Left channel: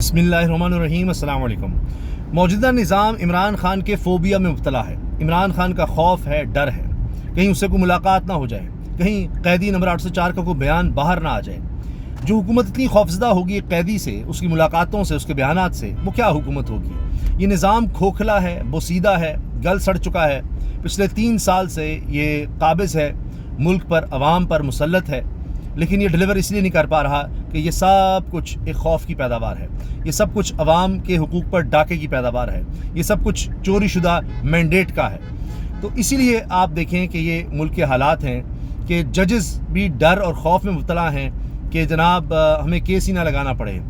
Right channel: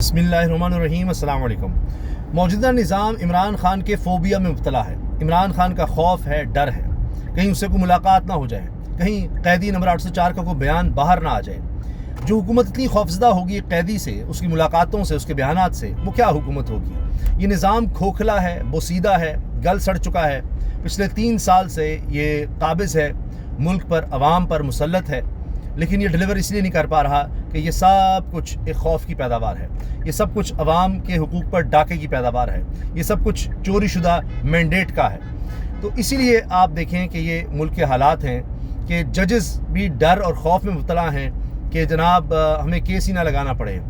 बिस्मिल्लाहिर्रहमानिर्रहीम। अस्सलाम वालेकुम। मौजूदा निज़ाम इमरान खान के फ़ोबिया में मुब्तला है। इमरान खान का खौफ है, डर है, कहीं उससे कोई मुलाकात ना हो जाए, कहीं कैदी नंबर 804 का कोई बयान बाहर ना आ जाए। जो हुकूमत इतनी खौफजदा होगी कैदी से, उसकी मुलाकातों से, उसके बयानात से, वो क्या हुकूमत होगी। ये निज़ाम खोखला है, बोसीदा है, गल सड़ चुका है। पिछले 3 साल से ये काबिज़ है, मुल्क पर, अवाम पर मुसल्लत है, लेकिन ये डिलीवर इसलिए नहीं कर पा रहा कि ये सब कुछ एक खौफ की पैदावार है। ये सब कुछ अवाम के हुकूक पर डाके की पैदावार है। ये सब कुछ चोरी शुदा मैंडेट का है। तो इसीलिए आप देखें कि ये मुल्क के हालात हैं कि जजेस भी डर और खौफ में मुब्तला हैं कि जनाब हमें केस ही ना लगाना पड़े,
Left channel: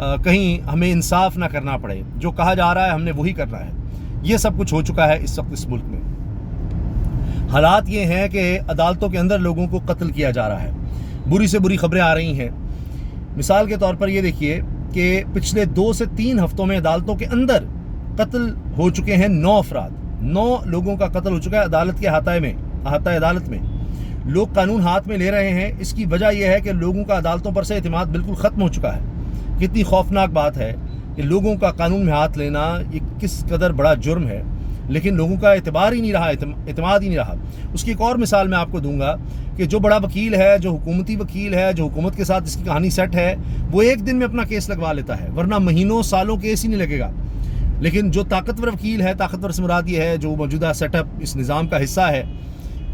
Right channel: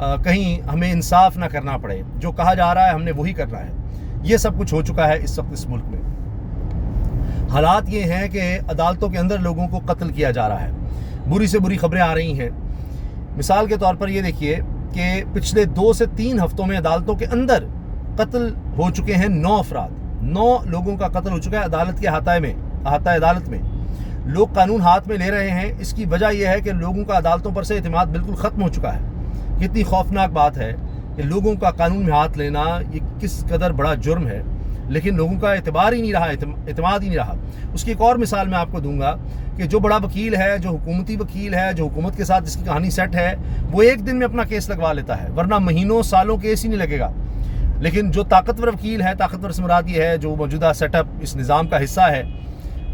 कहीं हमें इंसाफ ना करना पड़े, जो कहा जा रहा है हमने वही करना है। ये सब कुछ हो चुका है इस वक्त इस मुल्क में। हालात ये हैं कि अदालतों के अंदर लोगों को कत्ल किया जा रहा है। बुरी से बुरी खबरें आ रही हैं। मिसाल के तौर पर ये देखिए कि पिछले 2 से 3 हफ्तों में अदालतों के अंदर कत्ल हो चुके हैं 9 अफराद। 9 लोगों का कत्ल हो चुका है अदालत के अहाता अदालत में। लोग कानून हाथ में ले रहे हैं। इसकी वजह यह है कि लोगों का अदालतों पर से एतमाद बिल्कुल ख़त्म हो चुका है। कितनी खौफनाक बात है कि लोगों का कानून में हाथ लेना ये किस कदर बड़ा जुर्म है, लेकिन लोगों का एतबार ही नहीं रहा, एतमाद ही नहीं रहा। उसकी एक और मिसाल मैं आपको दूंगा कि जो बड़ा वकील है, जो हुकूमती वकील है, जो हुकूमत के साथ जिसकी कहानी सेट है, वो एक दिन में अपना केस लगवा लेता है, वरना महीनों सालों केस ही नहीं लगेगा। लेकिन जो ताकतवर वकील है, ताकतवर से मुराद ये है जो मौजूदा सेटअप इस निज़ाम का हिस्सा है,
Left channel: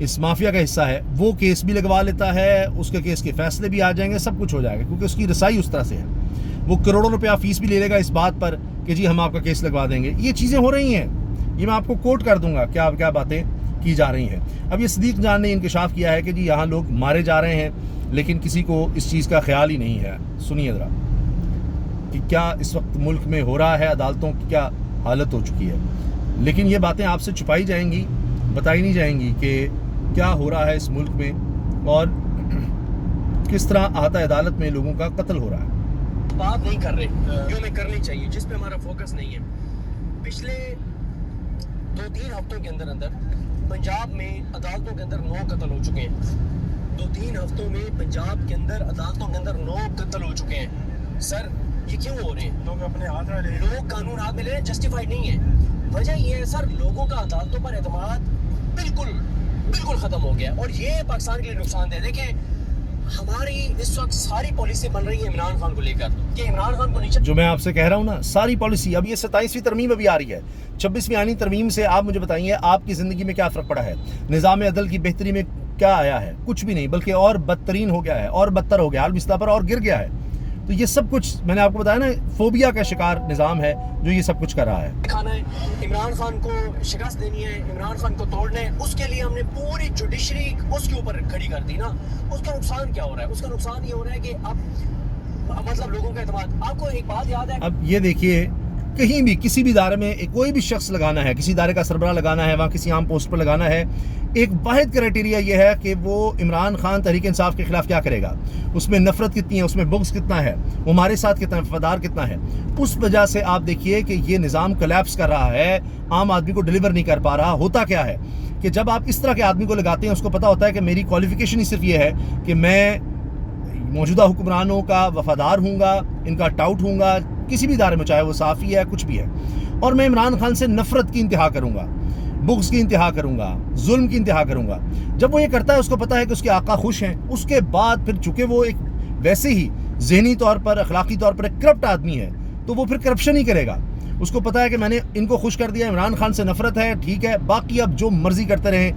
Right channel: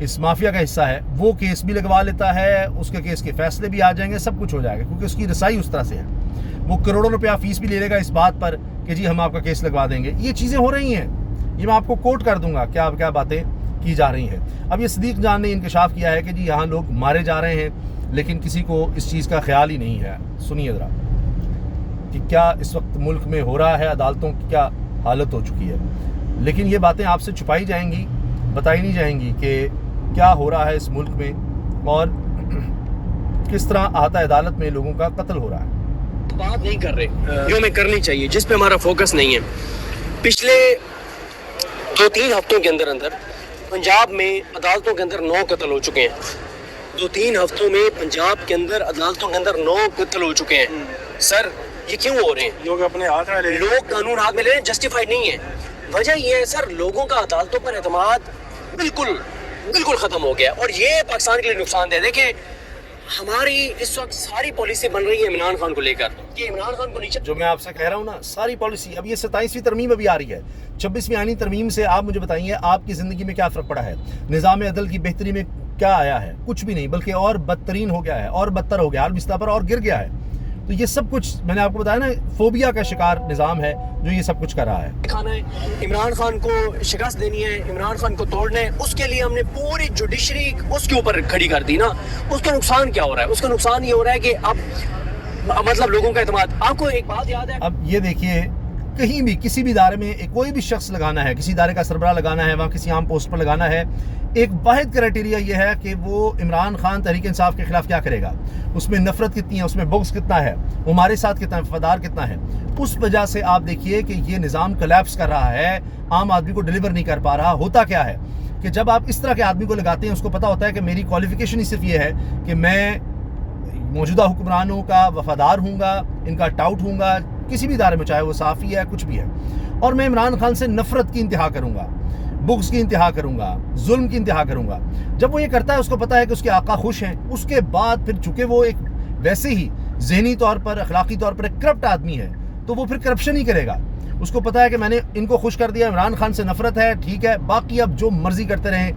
इस माफिया का हिस्सा है, वो केस भी लगवा लेता है, उसके केस के फैसले भी आ जाएंगे, सब कुछ हो जाएगा, क्योंकि उसकी रसाई उस तरह से है। वो करोड़ों रुपया फीस भी ले लेगा इस बात पर कि जी हम आपका केस लगवा देंगे। ये चीज़ें हो रही हैं, ये मैं आपको कोट कर दूंगा क्या क्या बातें की जा रही हैं। अब ये सदीक जान ने इंकशाफ किया है कि जी यहाँ लोग मारे जा रहे हैं, लेकिन किसी को इस चीज़ का ख्याल ही नहीं है। सुनिए ज़रा कि क्या इस वक्त मुल्क में हो रहा है, अदालतों की क्या हालत हो चुकी है। लेकिन ये बातें आपसे छुपाई जाएंगी, बताई नहीं जाएंगी कि क्या हो रहा है इस मुल्क में और किस तरह अहाता अदालत में लोगों का कत्ल हो रहा है। बात नहीं कर रहे जो हमें करनी चाहिए, जिस पे हमारा फोकस नहीं है। पिछले 2-3 हफ्तों के अंदर पंजाब में अदालतों के अंदर 9 कत्ल हो चुके हैं। 2-3 हफ्तों में पंजाब के अंदर अदालतों के अंदर 9 कत्ल हो चुके हैं। सर ये क्यों हो रहे हैं? लोग अपने हाथ में ले, लोग कानून हाथ में ले रहे हैं, जस्टिफाइड नहीं है। वजह ये है सर, लोगों का अदालतों पर एतमाद बिल्कुल खत्म हो गया और ये पाकिस्तान के लिए नुकसान है। देखिए हमारी इस वक्त सारी पॉलिसी बन रही है इमरान खान को लेकर कि इमरान खान को नीचे, जो मैं आपसे कह रहा हूँ ना, सारी पॉलिसी। अब ये 27वीं तरमीम अभी आ रही है, 26वीं आनी तरमीम से आप मुझे बताइए आपकी ज़िंदगी में क्या फ़र्क पड़ा है? निज़ाम अदल की बेहतरी में क्या आया है? कुछ भी नहीं, बल्कि और बदतरीन हो गया है, और बदतर हो गया, हाल बिस्तर पर और गिर गया है। तो ये सब कुछ मैंने आपको बताया ना, फोबिया का शिकार निज़ाम है जो ये सब कुछ कर रहा है। खाना है, इमरान खान को शिकस्त देनी है, इमरान खान को तोड़ना है, उसके लिए हमने पूरी जुडिशरी उसके ऊपर खड़ी कर दी ना। उसका नुकसान क्या हो रहा है? उसका नुकसान ये हो रहा है कि अब मतलब लोगों का एतमाद। आपको एक बात याद है, अब ये देखिए, कहीं भी किसी भी इदारे में कोई भी शख्स लगाना है, किसी इदारे का सरबराह लगाना है, वहाँ किसी आम पोस्ट पर लगाना है, एक वाहिद क्राइटेरिया ये है कि वो इमरान खान तहरीक इंसाफ के खिलाफ क्या करेगा, उसमें नफरत कितनी है, उसमें बुग़्ज़ कितना है, वो हमारे साथ कितना वफादार कितना है। उस वजह से आप देखिए कि ये निज़ाम कोलैप्स कर रहा है, आम आदमी को डिलीवर नहीं कर पा रहा। होता क्या है कि जब आप इस तरह के आदमी को लगाते हैं, उसको पता होता है कि मेरी क्वालिफिकेशन ही सिर्फ ये है कि मैं मौजूदा हुक्मरानों का वफादार हूँगा, इनका टाउट हूँगा, किसी भी इदारे में, चाहे वो साफ़ी है, कुछ भी है, और मैं इमरान खान से नफ़रत की इंतहा करूँगा, बुग़्ज़ की इंतहा करूँगा, जुल्म की इंतहा करूँगा। जब वो ये करता है, उसको पता है कि उसके आका खुश हैं, उसके बाद फिर चूँकि वो एक वैसे ही ज़हनी तौर पर, अखलाकी तौर पर एक करप्ट आदमी है, तो वो फिर करप्शन ही करेगा। उसको पता है कि मैंने इनको खुश कर दिया, इमरान खान से नफ़रत है, ठीक है, बाकी अब जो मर्ज़ी करते रहें,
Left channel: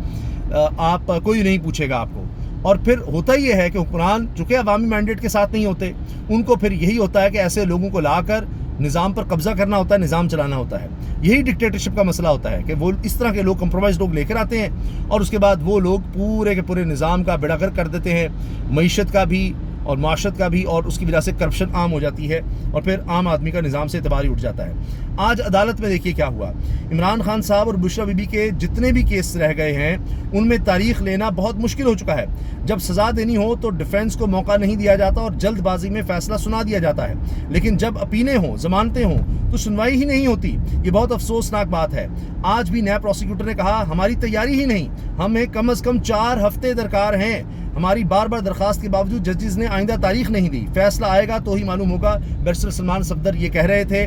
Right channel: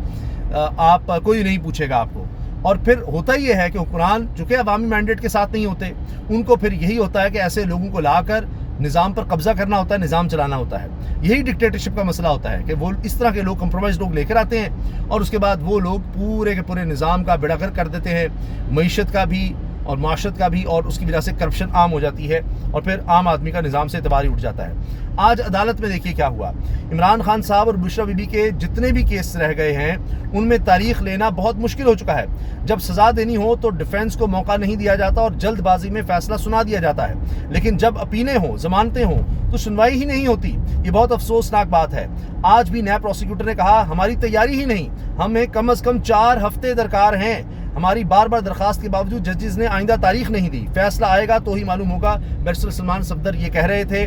आप कोई नहीं पूछेगा आपको। और फिर होता ये है कि हुक्मरान चूँकि अवामी मैंडेट के साथ नहीं होते, उनको फिर यही होता है कि ऐसे लोगों को लाकर निज़ाम पर कब्ज़ा करना होता है, निज़ाम चलाना होता है। यही डिक्टेटरशिप का मसला होता है कि वो इस तरह के लोग, कंप्रोमाइज़ लोग लेकर आते हैं और उसके बाद वो लोग पूरे के पूरे निज़ाम का बेड़ागर्क कर देते हैं, मईशत का भी और माशरत का भी, और उसकी वजह से करप्शन आम हो जाती है और फिर आम आदमी का निज़ाम से एतबार ही उठ जाता है। आज अदालत में देखिए क्या हुआ। इमरान खान साहब और बुशरा बीबी के जितने भी केस रह गए हैं, उनमें तारीख लेना बहुत मुश्किल हो चुका है। जब सज़ा देनी हो तो डिफेंस को मौका नहीं दिया जाता और जल्दबाजी में फैसला सुना दिया जाता है, लेकिन जब अपीलें हों, जमानतें हों, तो सुनवाई ही नहीं होती। ये बहुत अफसोसनाक बात है। आज भी नया प्रोसिक्यूटर ने कहा हमारी तैयारी ही नहीं, हमें कम से कम 4 हफ्ते दरकार हैं। ہماری بار بار درخواست کے باوجود ججز نے آئندہ تاریخ نہیں دی، فیصلہ آئے گا تو ہی معلوم ہوگا۔ بیرسٹر سلمان صفدر یہ کہہ رہے تھے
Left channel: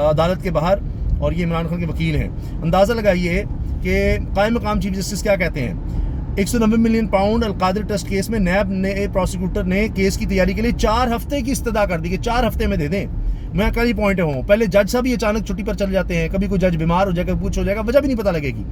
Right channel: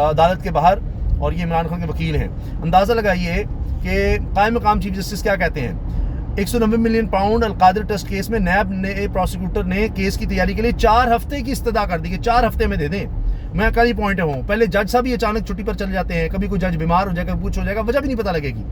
عدالت کے باہر، اور یہ عمران خان کے وکیل ہیں۔ اندازہ لگائیے کہ قائم مقام چیف جسٹس کیا کہتے ہیں۔ 190 ملین پاؤنڈ القادر ٹرسٹ کیس میں نیب نے پروسیکیوٹر نے کیس کی تیاری کے لیے 4 ہفتے کی استدعا کر دی کہ 4 ہفتے میں دے دیں۔ میں کئی پوائنٹ ہوں، پہلے جج صاحب ہی اچانک چھٹی پر چل جاتے ہیں، کبھی کوئی جج بیمار ہو جائے گا، کچھ ہو جائے گا، وجہ بھی نہیں پتہ لگے گی،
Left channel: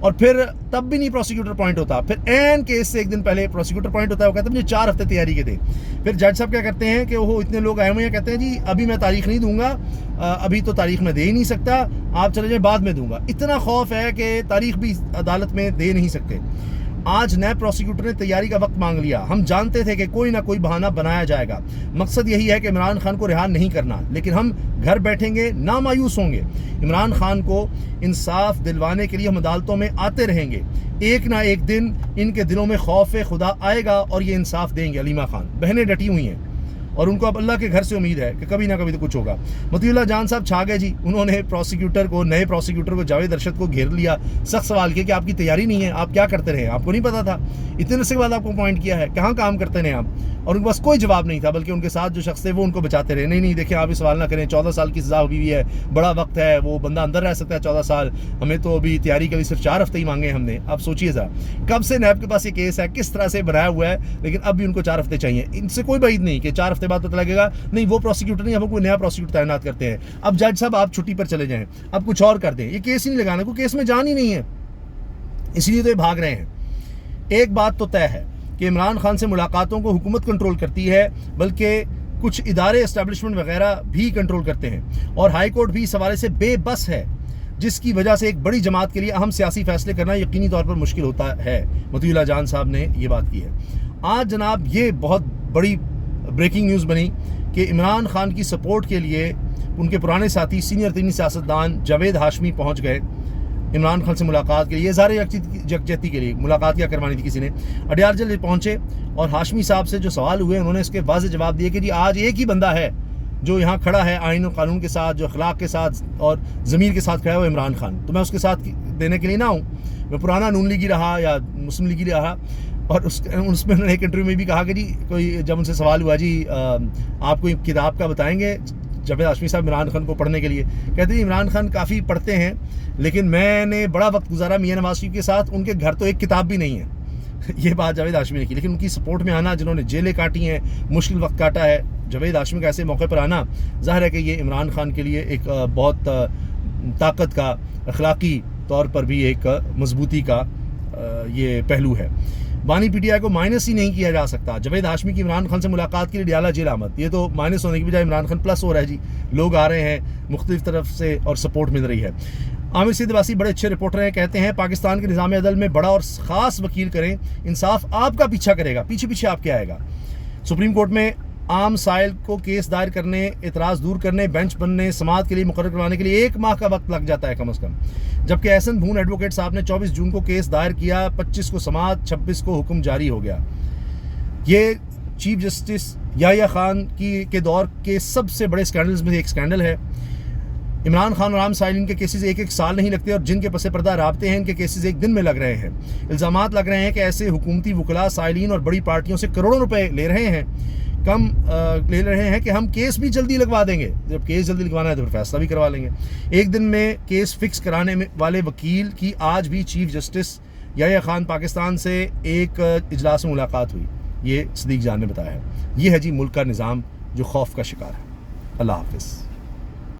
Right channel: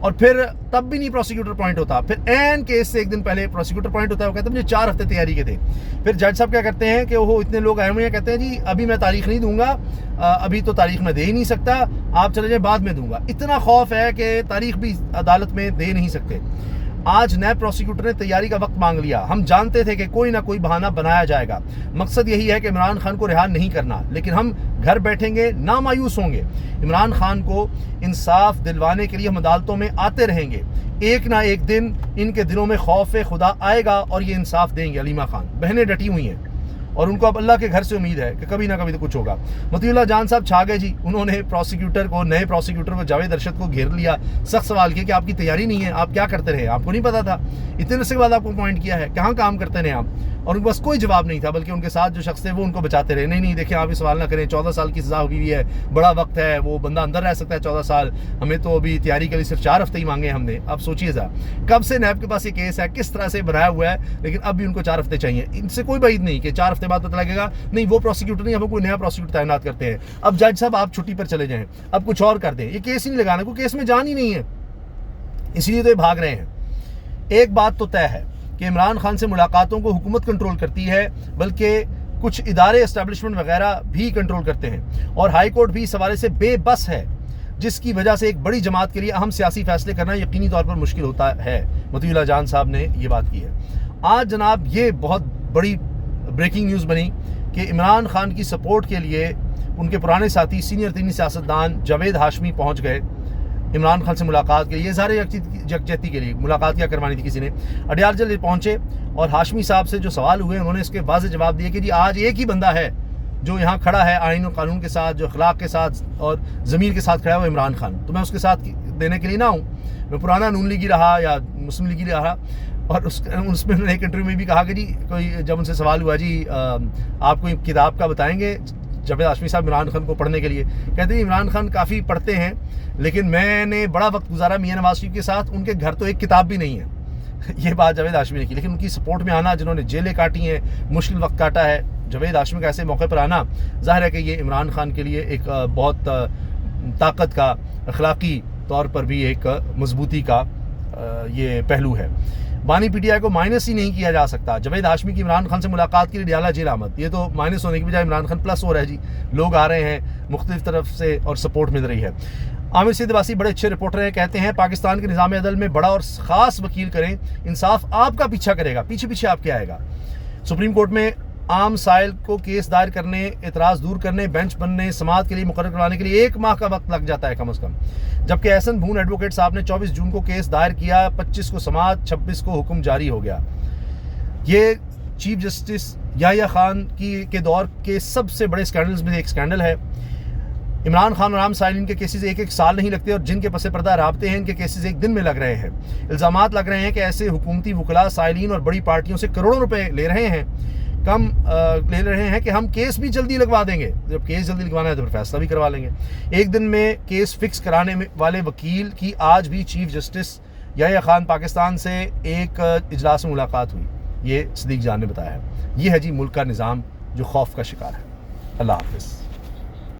اور پھر تب بھی نہیں پروسیکیوٹر پوائنٹ ہوتا، پھر این کیس سے ایک دن پہلے پروسیکیوٹر پوائنٹ ہوتا ہے، وہ کہتے ہیں مجھے 4 ہفتے تیاری کے تھے۔ پھر جج صاحب کیا کرتے ہیں کہ وہ اتنے لوگ آئے ہوئے ہیں، کہتے ہیں جی ابھی میں تاریخ نہیں دوں گا، ابھی تو تاریخ میں دے ہی نہیں سکتا، آپ چلے جائیں بعد میں دوں گا۔ اتنا خوف ہے کہ تاریخ بھی عدالت میں دے نہیں سکتے۔ آج نیب پروسیکیوٹر نے تیاری کا وقت مانگ لیا۔ ہم جانتے تھے کہ کوئی نہ کوئی بہانہ بنایا جائے گا، مقصد یہی ہے کہ عمران خان کو رہا نہیں کرنا، لیکن ہم گھر بیٹھیں گے، نہ مایوس ہوں گے۔ عمران خان کو انصاف دلوانے کے لیے ہم عدالتوں میں آتے رہیں گے، ایک نہ ایک دن ان کے دلوں میں خوف خدا آئے گا اور یہ انصاف دیں گے۔ علیمہ خان بہنیں ڈٹی ہوئی ہیں اور ان کو اب اللہ کے گھر سے امید ہے کہ کبھی نہ کبھی تو کچھ ہوگا۔ مطیع اللہ جان صاحب چھا گئے جی، انہوں نے نئے پروسیکیوٹر کو جاوید ارشد کو گھیر لیا، سخت سوال کیا کہ آپ کی تیاری نہیں ہے، آپ کیا کرتے رہے، آپ کو نہیں پتا تھا، اتنے عرصے کے بعد آپ کو اپوائنٹ کیا ہے، کہاں کام کرتے رہے آپ، اور ان کے پاس کوئی جواب نہیں تھا، بلکہ ان کے ساتھ جو شخص تھے وہ ان کو بچاتے رہے۔ نہیں دیکھیں آپ یہ سوال نہ کریں، 14 سال کی سزا ہوئی ہے، بڑا وقت ہے، وہ بندہ اندر رہ سکتا ہے 14 سال، ہمیں تو ابھی تیاری کے لیے صرف 4 ہفتے ہی مانگے ہم نے۔ اب سوچیے ذرا کب سے نیب کے پاس یہ کیس ہے، کس طرح سے بنایا ہوا ہے، لیکن اب بھی ان کو 4 ہفتے چاہیے۔ ان سے کوئی بعید نہیں کہ 4 ہفتے بعد پتہ لگے گا نہیں وہ پروسیکیوٹر نہیں، اب کوئی نیا پروسیکیوٹر تعینات کرتے ہیں، اب جج صاحب آپ چھٹی پر چلے جائیں، اب کچھ اور کر دیں، یہ کیس ہی نہیں لگانا، کوئی کیس میں جان ہی نہیں ہے، اس لیے تو یہ بھاگ رہے ہیں۔ ایک بات تو طے ہے کہ عمران خان سے ملاقاتوں کو حکومت کنٹرول کرتی ہے، بلکہ کچھ ادارے اسٹیبلشمنٹ وغیرہ بھی کنٹرول کرتے ہیں، اور ہائی کورٹ بھی اس حوالے سے بے بس ہے، جس کی وجہ سے ایک بڑی جماعت کے لیے اہم سیاسی فیصلے کرنا یقینی طور پر مشکل ہوتا ہے۔ مطیع اللہ جان صاحب نے یہ بات کی ہے۔ آج جناب یہ بہت بڑی بریکنگ نیوز بنی کہ عمران خان کی سپورٹ کے لیے ان کے پرانے ساتھی سینئر دینی سیاستدان جاوید ہاشمی پہنچ گئے عمران خان سے ملاقات کے لیے، اظہار یکجہتی کے لیے ملاقات کیا کروانی تھی کسی نے۔ اڈیار جلد پہنچے اور ہاشمی صاحب سے جو سوال ہوئے انہوں نے اس کے واضح جواب دیے کہ جی آج ایک ہی بندہ ہے جو یہاں کھڑا ہے آئین و قانون کے ساتھ، جو اخلاق کے ساتھ اور ضمیر کے ساتھ کھڑا ہے، وہ عمران خان، تو میں اس کے ساتھ دینے کے لیے نہ ہوں، میں پرانا نون لیگی رہا یا مسلم لیگی رہا۔ اور اس میں انہوں نے ایک انٹرویو میں بھی کہا کہ جی کوئی جب ان سے سوال ہوا جی آپ کوئی کتاب کا بتائیں گے جاوید ہاشمی صاحب عمران خان کو پڑھنے کے لیے، کہتے ہیں عمران خان کافی پڑھتے ہیں لیکن میں نے بڑا وقت گزارا میاں نواز شریف کے ساتھ، ان کے گھر تو ایک کتاب بھی نہیں ہے۔ یہ بات جاوید ہاشمی نے کی، لیکن ان کی سپورٹ میں آنا، جنہوں نے جیلیں کاٹی ہیں، مشکل وقت کاٹا ہے، جاوید ہاشمی کا ایسے موقع پر آنا ظاہر ہے کہ یہ عمران خان کے لیے ایک بہت طاقت کا، اخلاقی طور پر بھی ایک مضبوطی کا یہ پہلو ہے۔ بانی پی ٹی آئی کو مائنس ہی نہیں کیا جا سکتا۔ جاوید ہاشمی کی عمران خان سے ملاقات کے لیے ڈیالہ جیل آمد، یہ تو مائنس ہونے کی بجائے عمران خان پلس ہو رہا ہے جی، لوگ آ رہے ہیں مختلف طرف سے اور سپورٹ مل رہی ہے۔ عامر سید عباسی بڑے اچھے رپورٹر ہیں، کہتے ہیں پاکستان کے نظام عدل میں بڑا اور خاص وکیل کریں، انصاف آپ کا پیچھا کرے گا، پیچھے آپ کے آئے گا۔ سپریم کورٹ میں عام سائل کو کیس دائر کرنے، اعتراض دور کرنے، بینچ بننے، سماعت کے لیے مقرر کروانے کے لیے 1 ماہ کا وقت لگ جاتا ہے کم از کم، جبکہ احسن بھون ایڈوکیٹ صاحب نے 24 جون کو کیس دائر کیا، 25 کو سماعت، 26 کو حکم جاری ہو گیا۔ یہ چیف جسٹس یحییٰ خان کے دور کے سب سے بڑے اسکینڈلز میں ایک اسکینڈل ہے۔ عمران خان اور عام سائلین کے کیسز ایک سال نہیں لگتے، اور جن کے پس پردہ رابطے ہیں ان کے کیسز ایک دن میں لگ رہے ہیں۔ الزامات لگ رہے ہیں کہ ایسے حکومتی وکلاء سائلین اور بڑی پارٹیوں سے کروڑوں روپے لے رہے ہیں کہ ہم کیس بھی جلدی لگوا دیں گے، جب کیس جلدی لگوانا ہے تو پھر فیصلہ بھی کروا لیں گے۔ ایک دن میں کیس فکس کرانے والے وکیل کی آج بھی چیف جسٹس یحییٰ خان پاکستان سے ایک اجلاس میں ملاقات ہوئی، یہ صدیق جان نے بتایا ہے۔ یہ ہے جی ملک کا نظام جو خوف کا شکار ہے۔ اللہ حافظ۔